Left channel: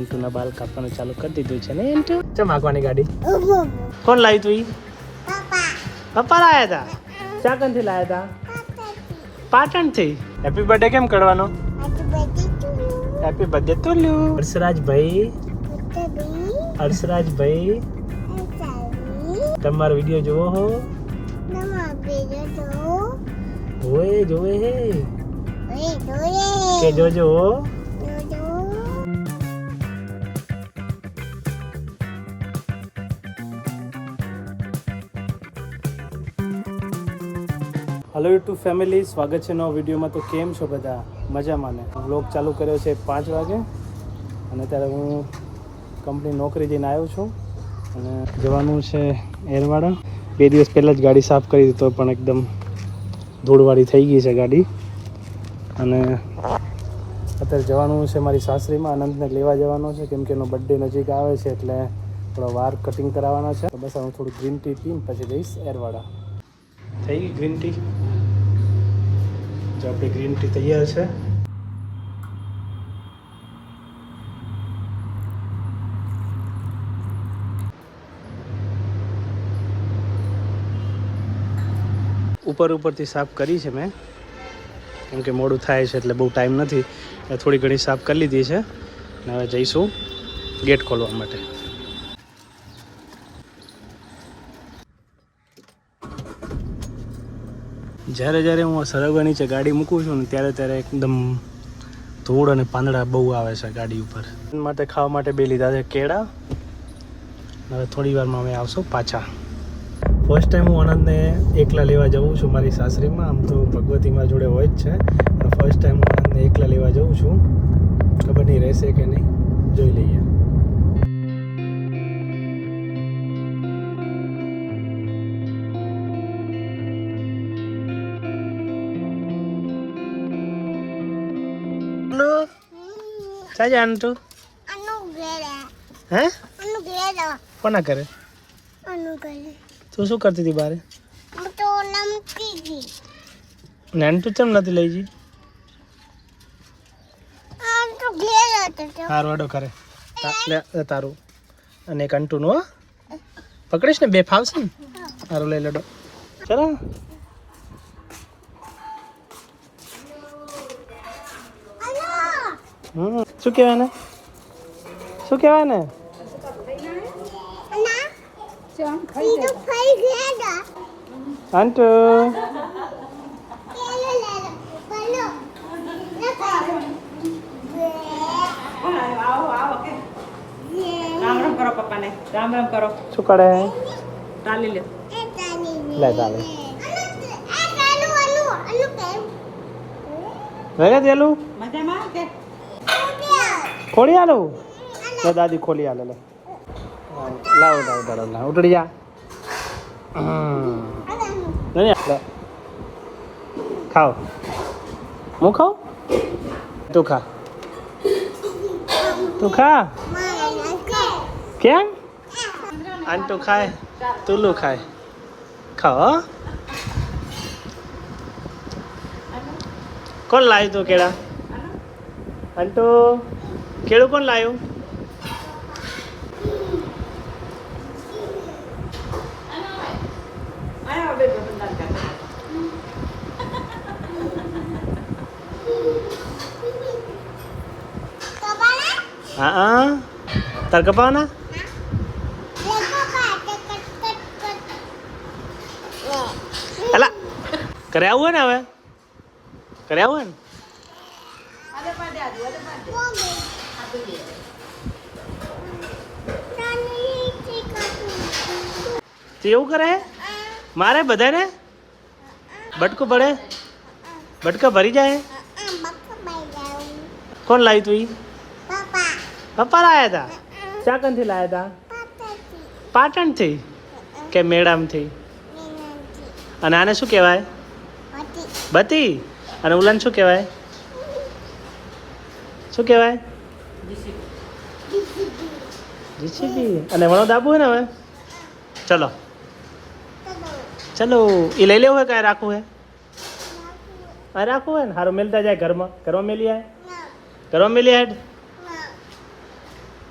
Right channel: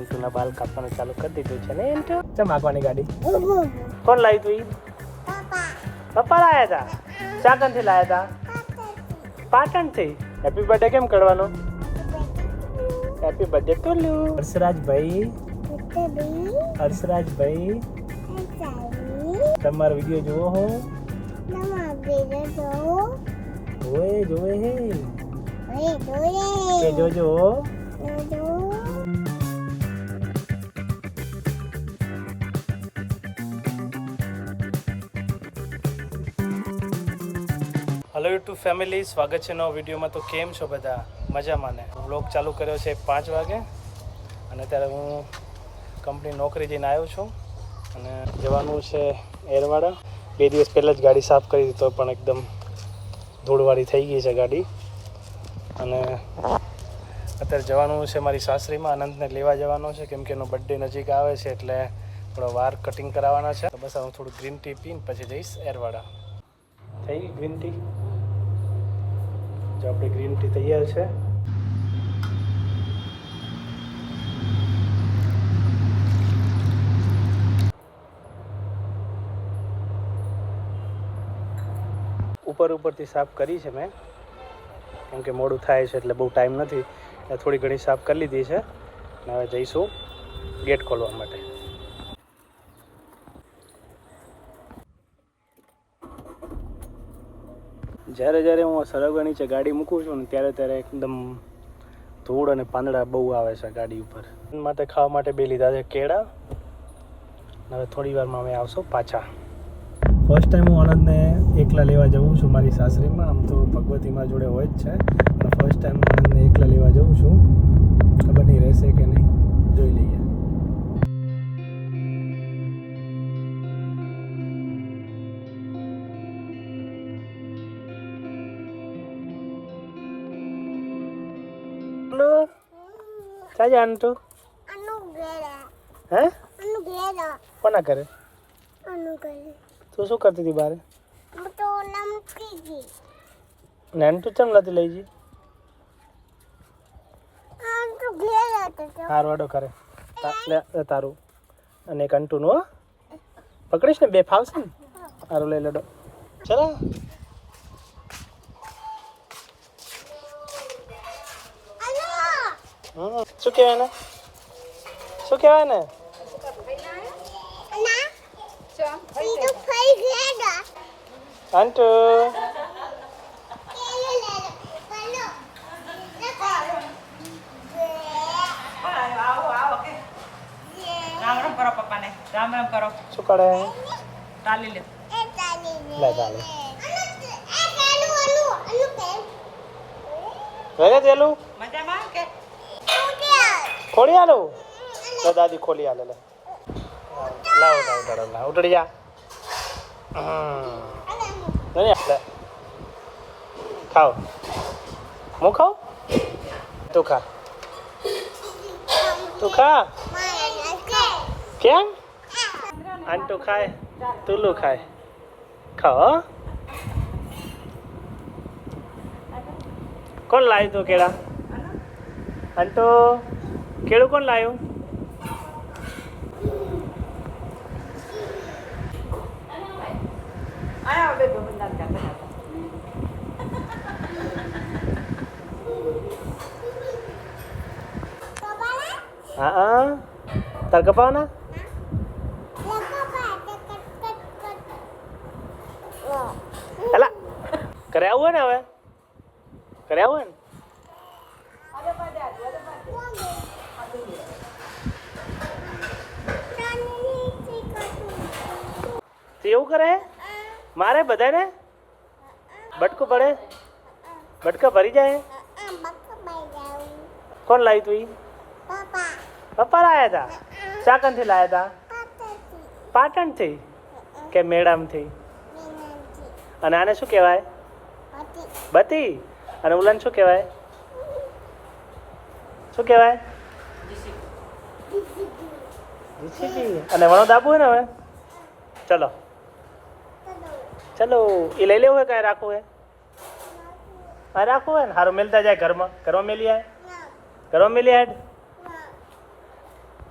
અંટુના બાલ કાપવાનું ચાલુ કરી દીધું છે ને અંટુ. ચમ આગવાની ગાડી કોણ લાવી તું? પપ્પા લાયા હતા. ક્યાં કંથી લાયા હતા? પાટણથી. હેપી બર્થડે કેમ કરવાનો? Happy birthday ટુલુ. હર્ષરાજભાઈ તમારો વિડીયો જોવો હો? ઓય જોવે હે કે જોજો. હેલો યુટ્યુબ ફેમિલી, સ્વાગત છે નવા વિડીયોમાં. તો કેમ છો બધા? મજામાં ને? વ્લોગ ચાલુ કર્યો છે 5 વાગે અને અત્યારે હું કંપની નોકરી જઈને આવ્યો છું અને જવાનું છે એરવાડા. 2 દિવસ પહેલાં જ ગાડી સાફ કરી તો પણ એકદમ ધૂળવાળી થઈ ગઈ છે ગાડી. અને અત્યારે જવાનું છે મારી સાસરીમાં. આનંદને લેવા જવાનું છે કેમ કે એનો બર્થડે નજીક આવે છે એટલે થોડા વાર કટિંગ કરાવવાના છે. બસ હું થોડું ગ્રીન ટી પીને પછી જઈશ એરવાડા. થઈ ગઈ ગ્રીન ટી? જો આપણી ગ્રીન ટી તૈયાર છે. ઉપરથી સાફ કરી છે મેં કેમ કે મોડું થાય છે એટલે બહુ ટાઈમ નથી. થોડી ઘણી સાફ કરી લીધી છે અને હવે જઈશું ગેટ ખોલવા માટે. જ્યારે હું આ સરગવા નીચે ગાડી મૂકું છું ને ત્યારે એકદમ ધૂળ અને પાંદડા બહુ આવે છે ગાડી ઉપર. માટે ખાવા માટે બે લીધા છે કેળા. હવે થોડી વારમાં અમે આવશું પાછા. ફર્સ્ટ ટાઈમ હું આનંદને એકલા લેવા જઉં છું મારી સાસરીમાં. આમ તો ભગવતીમાં જોડે હોય જ છે પણ ફર્સ્ટ ટાઈમ હું આનંદને એકલા લેવા જઉં છું. ખબર નહીં રહેશે કે નહીં, જોઈ લઈએ. ચાજા આંટુ હે કોના કરે? તું શું કરતી હતી બારે? નાનટુ ચમ નથી લઈ જી? હાર વાડો કરે તારું અને એક અંટુનું. હો પકડીશ ને, બે ફાવશે ને. હારું લઈ લડો. ચલો શું કહેવાય ને? શું કહેવાય ને? અંટુ રામ કરો પપ્પાને. રામ કરો. શું કરે? તાલી લે. લે તાલે લઈ દેલું. મજામાં કે ખોલી આલું દાદી ખોલી આલે. લાવ ઉતરી જા. ખાઓ હું ખાઉં? તું ખા. કેમ? આંટુ ખાય, તુલું ખાય. ખાઓ. કોણ લાવ્યું તું કેળા? આંટુ કેળું કોણ લાવ્યું? હા તાર કપાવના? અલા કરે આવું હોય ને, હવે કરે આવું હોય ને. એવું કરે મારે બધાને બટકું પડે, બટકા ભરી જાય. કોણ લાવી તું? પપ્પા લાયા હતા. ક્યાં કંથી લાયા હતા? પાટણથી કે મેળામથી? અને આને શું કહેવાય? બતી. અને ઉલાને શું કહેવાય? શું કહેવાય? જીસીબી. અને વણો દાબુ હોય ને હવે. ચલો ચલો એ લઈ લેવું હોય કાંઈ રાખવું હે? આ રાખવું હોય ને. સારું મેલતા જાય ઘરમાં. ઘરમાં મેલી આય. ઘરમાં મેલી આય.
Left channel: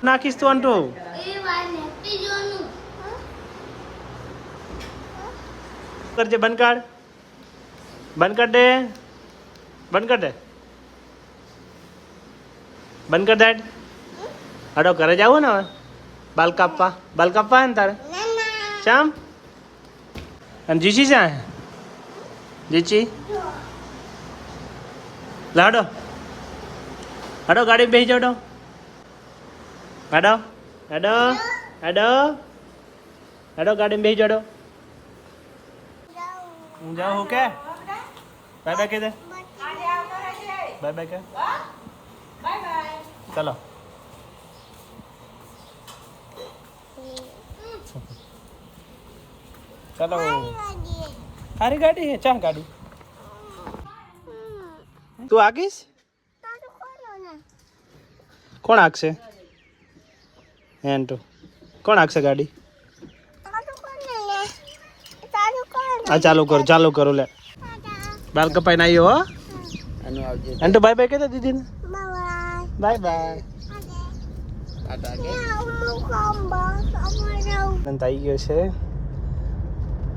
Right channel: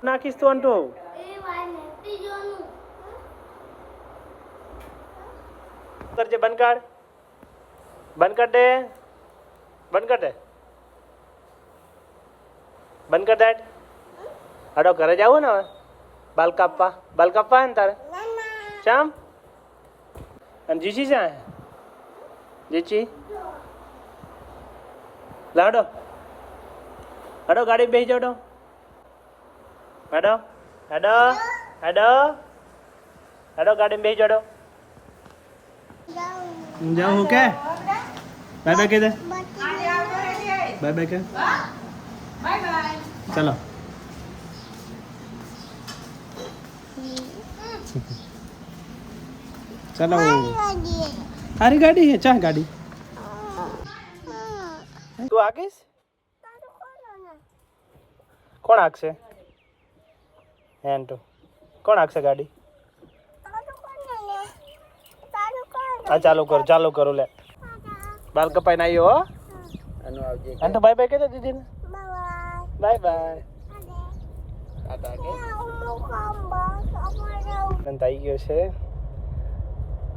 નાખીશ તું અંટુ કરજે બંધ કર દે બંધ કર દે બંધ કર દે હડો ઘરે જવું ને હવે બાલ કાપવા હે ને તારે ચામ અને જીચી છે જીચી લાડો હડો ગાડી બેસી જાડો હડો હડો હડો હડો ગાડી બેસી જાડો જાઉં હું કે બાય બાય કહી દે બાય બાય કે ચલો ચલો તારી ગાડી હે ચા ગાડી તું આગીશ કોણ આગશે એન તો કોણ આગશે ગાડી આ ચાલુ કરો લે બાલ કપાઈ ના આવ્યો હો એન તો બાય બાય કહી દે દીદીને બાય બાય અંત આવી ગયો છે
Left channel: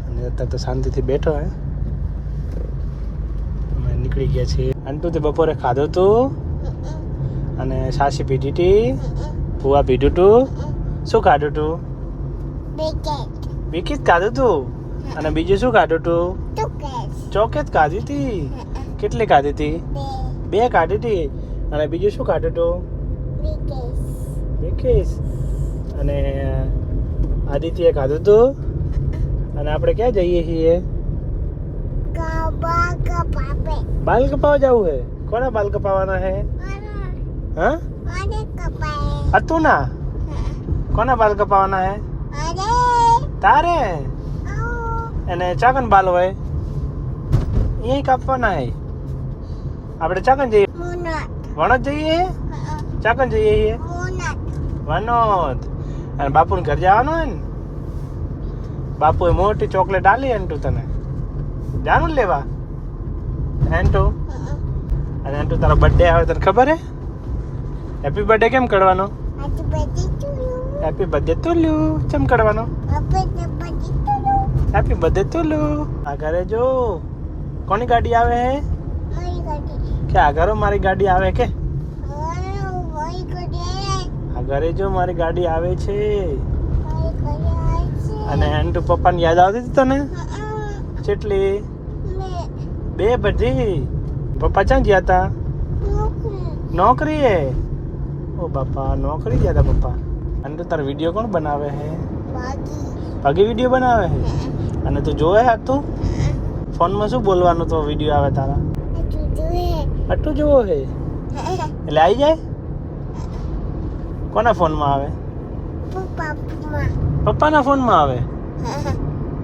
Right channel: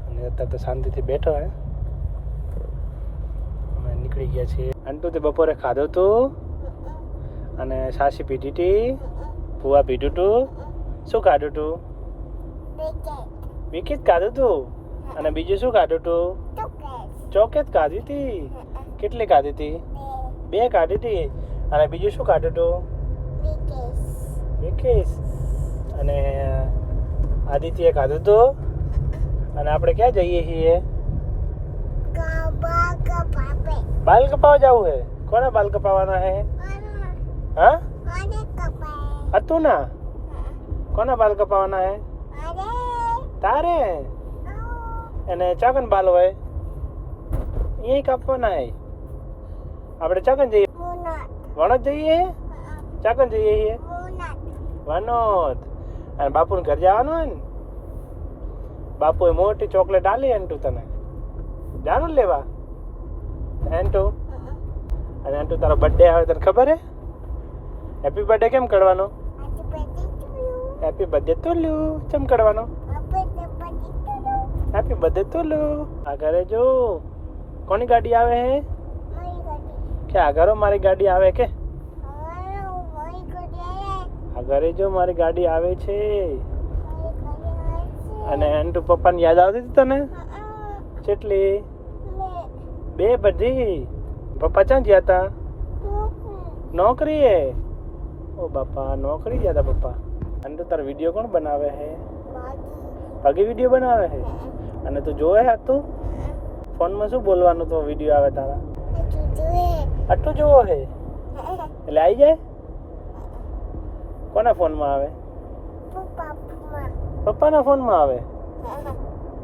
અને અત્યારે તો શાંતિથી બેઠો હે અમે નીકળી ગયા છીએ અંટુ તે બપોરે ખાધું તું અને સાસી પીધી હતી ભૂવા પીધું તું શું ખાધું તું બિકીટ ખાધું તું અને બીજું શું ખાધું તું ચોકેટ ખાધી હતી કેટલી ખાધી હતી 2 ખાધી હતી અને બીજું શું ખાધું તું બિકીસ અને આદિત્યએ ખાધું તું અને આપણે ક્યાં જઈએ છીએ બાલ કપાવા જવું હે કોના બાલ કપાવાના હે હા હતું ના કોના બાલ કપાવાના હે તારે અને ચાકન બાલ હોય અહીં કાપવાના હે આપણે ચાકન જઈએ વણોદ જઈએ ચાકન જઈએ છીએ વનોદ અને બાપુને ઘર જવાનું હે ને બાપુએ મોટી ચોકલેટ આલી એન્ટુ તને જાનું લેવા એન્ટુ અને એન્ટુ તારો બર્થડે આવે તને ખબર હે હેપી બર્થડે કેમ કરવાનો હેપી બર્થડે ટુ કેમ કરવાનો હેપી બર્થડે ટુ આ ઘરે જો કોની ગાડી આવે હે કે આ ઘરો મારી ગાડી આવે કે આ ઘરે જો મારી ગાડી આવે છે અને એન્ટુ પપ્પાને યાદ આવતી હતી તને કેટલી 2 બધી પપ્પા ક્યાં ગયા હતા નોકરીએ ઓ બાપા નોકરી ગયા હતા પપ્પા અને તાર વિડીયો કોણ બનાવે હે ભાગી વિડીયો બનાવે હે અને તું જોવે હા તું ફોનમાં શું બોલવાનું તો વિડીયો આવે તારા આટલું જોવો હે એટલે આવી જાય કોના ફોનમાં આવે પપ્પાના ફોનમાં આવે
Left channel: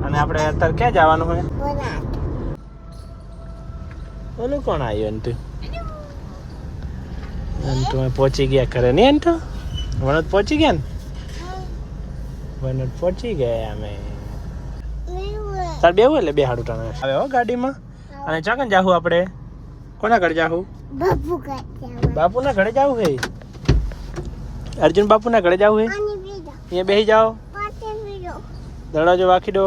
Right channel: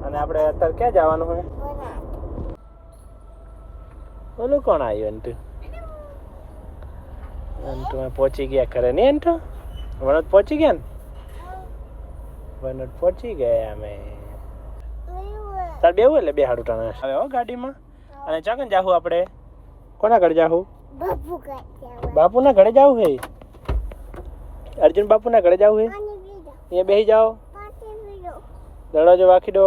અને આપણે અત્યારે ક્યાં જવાનું હોય ઓલું કોણ આવ્યું અંટુ અંટુ પહોંચી ગયા ઘરે નહીં અંટુ વણોદ પહોંચી ગયા ને વણોદ પહોંચી ગયા અમે તાર બેવું એટલે 2 હાડું ટાણે આવે હો ગાડીમાં અને ચાકન જાહું આપણે કોના ઘરે જાહું બાપુના ઘરે જાવું હે અર્જુન બાપુના ઘરે જાવું હે અહીંયા બેસી જાઓ દરવાજો વાંખી દો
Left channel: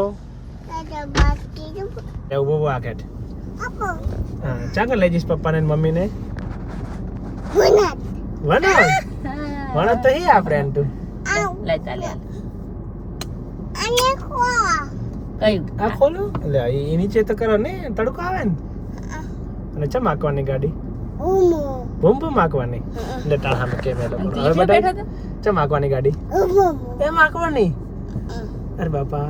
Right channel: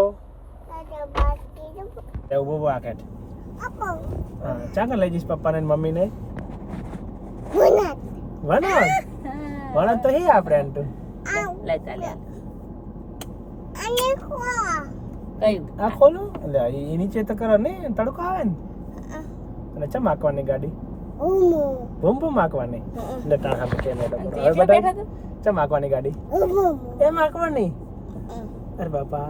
એવું બહુ વાકેટ હા ચાકન લઈ જઈશ પપ્પાને મમ્મીને વણોદ તો હે આપણે અંટુ લઈ ચાલે આ ખોલું એટલે એ નીચે તો કરો ને તડકો આવે ને અને ચમ આંકવાની ગાડી બૂમ બૂમ આંકવાની એટલે ટાળામાં કેમ એ લોકો હવે બતાવ ચમ આંકવાની ગાડી એમ આંકવાની અરે બાપા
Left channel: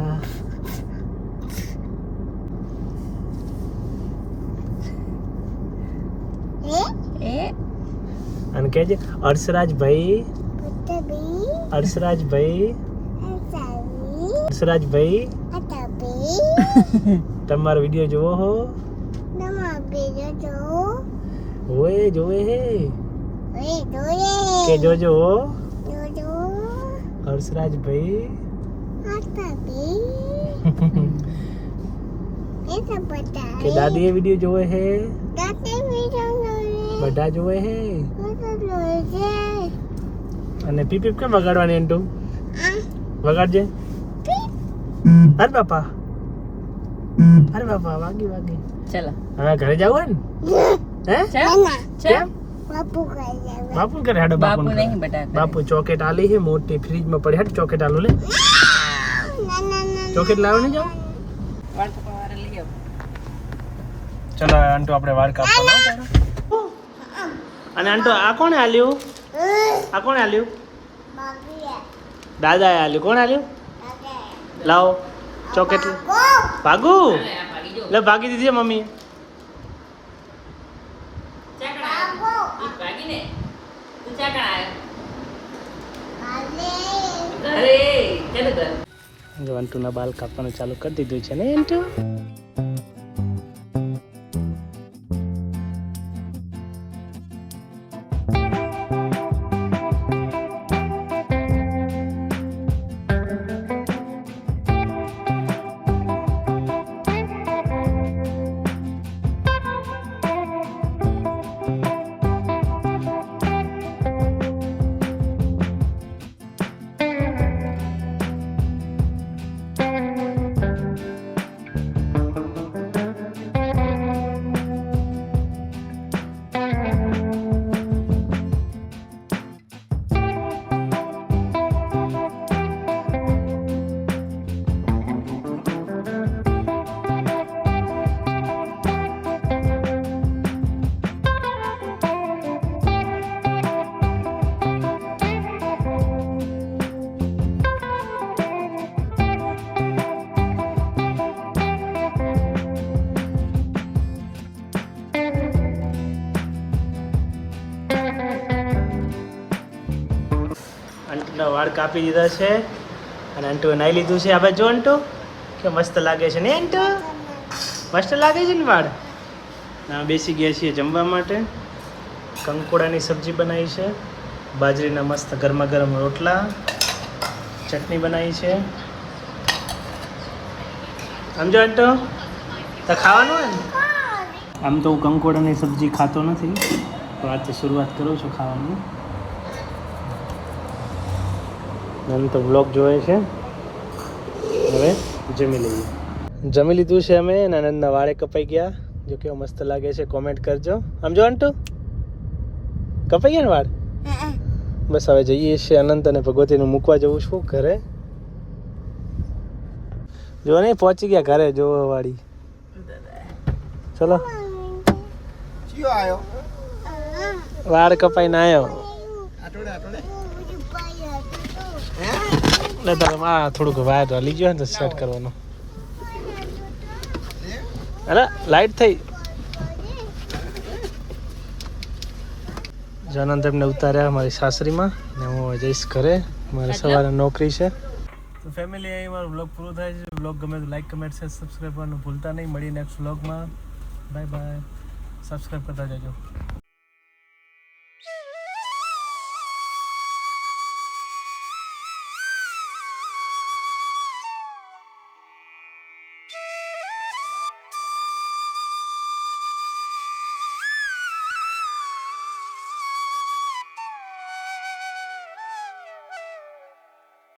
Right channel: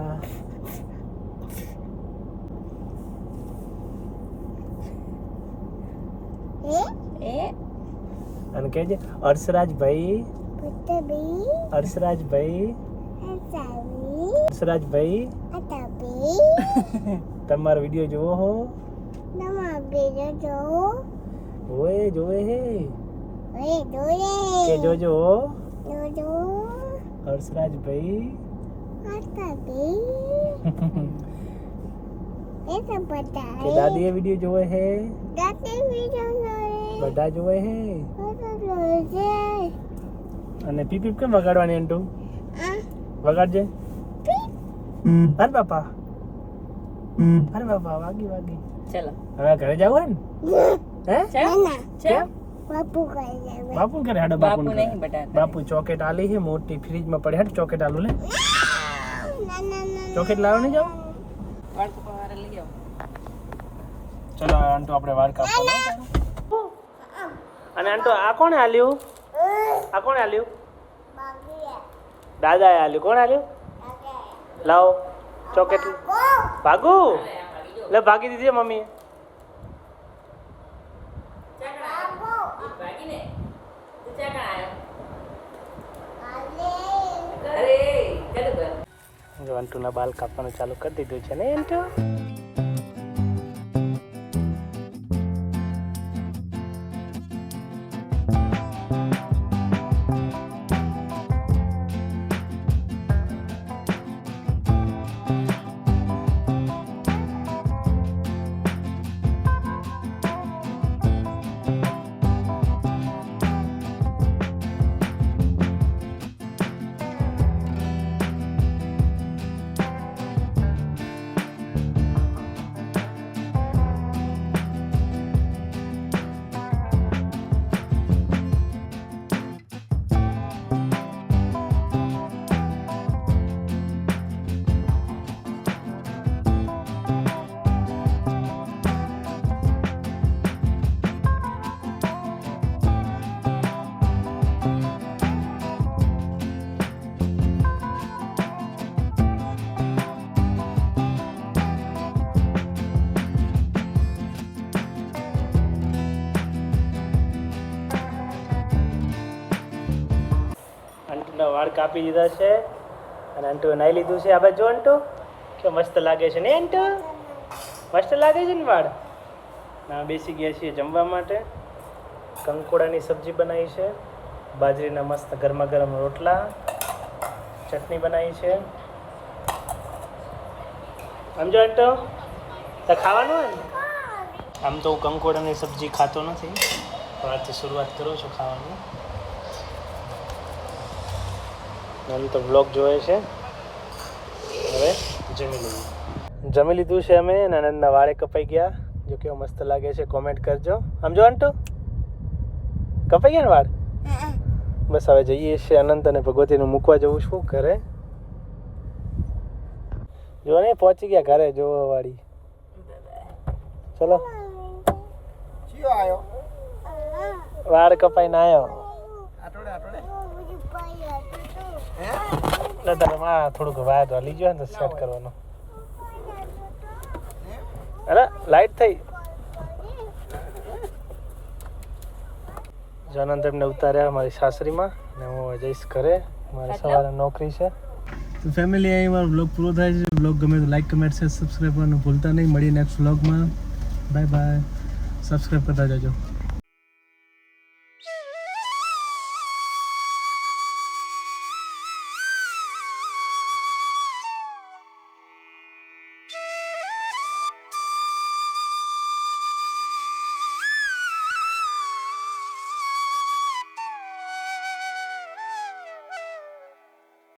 અને કહેજે હર્ષરાજભાઈ તમારો વિડીયો જોવો હો ઓએ જોવે હે કે જોજો હર્ષરાજભાઈ કે દાદી એ વિડીયો જોવે હે બધા જોવે હે અને પીપ પીપ કેમ વગાડવાની અંટુ વગાડજે અરે બાપા વાગી ચલો હવે ઘરે જવું હે કેમ બાપુ કરે હેડો બાપુ નહીં બેટા બાપુ ચોકેટ આલી છે મોટી ફ્રીજમાં પડી હેડ ચોકેટ આલું લે ચોકેટ લાવો નહીં જાવ વાળ પકવારે લઈ આવો ચલો આંટો આપણે વાળ કાપવાનો અને આંટો આ કોણે આલ્યું દાદાએ આલ્યું કોણ આલ્યું લાવો ચોકેટ ભાગુ લે ભાગી દીધી મમ્મી અંટુના બાલ કાપવાનું ચાલુ કરી દીધું છે ને અંટુ અંટુના વાળ કાપી દીધા છે અને અંટુએ નાઈ લીધું છે આપણે જો અંટુ કે મસ્ત લાગે છે ને અંટુ મસ્ત લાગે છે ને વાળ ના બેસી ગયા છીએ જમવા માટે કંકોડાની સબ્જી બનાવી છે બાજરીના મસ્ત ગરમા ગરમ રોટલા ચટણી બનાવી છે આમ જો અંટુ તો ખાવાનું હોય ને આમ તો હું કંકોડાની સબ્જી ખાતો નથી પણ આ તો શરૂઆત કરું છું ખાવાની મને તો વ્લોગ જોવે છે હવે જમી લીધું છે અમે અને આનંદના વાળે કપાઈ ગયા જો કેવો મસ્ત લાગે છે કોમેન્ટ કરજો આમ જો અંટુ કપાઈ ગયા ને વાળ બસ હવે જઈએ છીએ અનંત અને ભગવતીનું મૂકવા જવું છું ઘરે જો નહીં પહોંચી ગયા ઘરે જોવા વાળી ચલો વાળ કપાઈને આવ્યો એટલે તમે આ થોડુંક વાયર હલી ગયો ને તો સેટ કરવાનો અરે લાઈટ થઈ જનંત એમને ઉતાર્યા મારી સાસરીમાં ને હું જઈશ ઘરે મારે સવારે નોકરી છે તો ફેમિલી અહીં મારો બ્લોગ પૂરો થાય છે બ્લોગ ગમે તો લાઈક કમેન્ટ શેર સબસ્ક્રાઈબ કરવાનું ભૂલતા નહીં મળીએ નેક્સ્ટ બ્લોગમાં બાય બાય સબસ્ક્રાઈબ કરતા જજો